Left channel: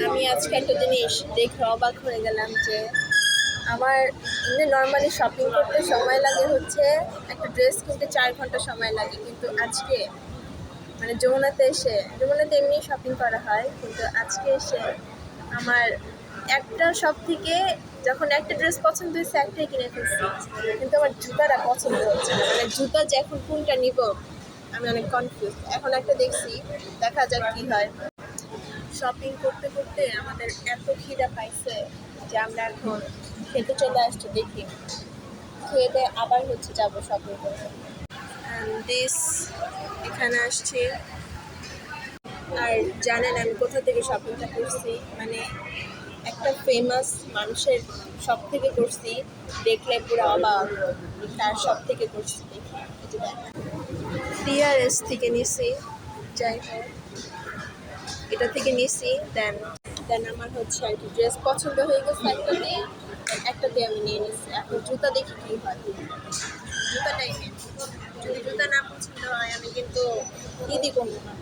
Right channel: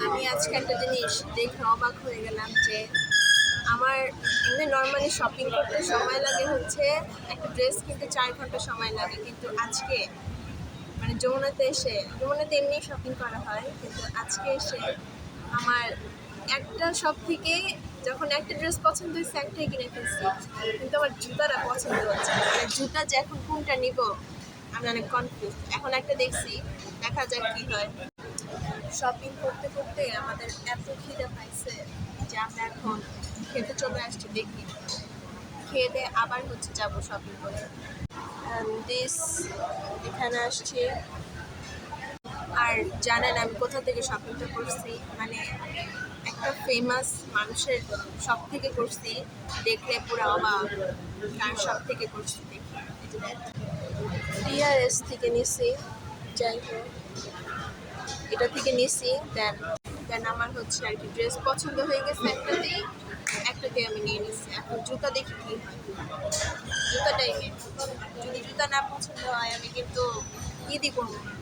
আমি আজকে একটা জিনিস দেখে অবাক হয়ে গেলাম যে আমার এমনি নর্মালি শপিং করতে সময় লাগে হচ্ছে একটা ড্রেস কিনতে 4 ঘন্টা সময় লাগে, কিন্তু আজকে মানে যমুনাতে এমনি শপিং করা হয়, কিন্তু আজকে এসে আমার একটা শপ থেকে যখন একটা ড্রেস পছন্দ হয়েছে একটাই কিনে ফেলছি, কিন্তু আমার জুতাটা পছন্দ হচ্ছে না। মানে জুতা যে এখন কোনটা নিব আমি অনেক কনফিউজ। এখন একটা দেখছি, দেখা যাক কি হয়। শপিং করতে করতে আমাদের এত খিদা পাইছে যে আমরা এখন খেতে চলে আসছি। দেখি খেয়ে দিয়ে আবার হচ্ছে যাব শপিং করতে। অ্যান্ড দিস এখানে আসছি। আর জানেন আমি কোথা থেকে শপিংটা করছি? মানে একটা ফেমাস মানুষের সব থেকে করছি, দেখলে পুরো অবাক। তার সব থেকে করছি, দেখি এই যে দেখ, টিআরএস থেকে নিছি। যাই হোক, এটা থেকে নিছি। দেন দেন আমার হচ্ছে আর কি ড্রেস পছন্দ হয়ে গেছে একটাতেই আমি নিয়ে নিচ্ছি। এখন জুতা দেখি কী হয়, জুতাটাই নিয়ে। যদি জুতা না পছন্দ হয় আমি কিন্তু ঈদই করবো না।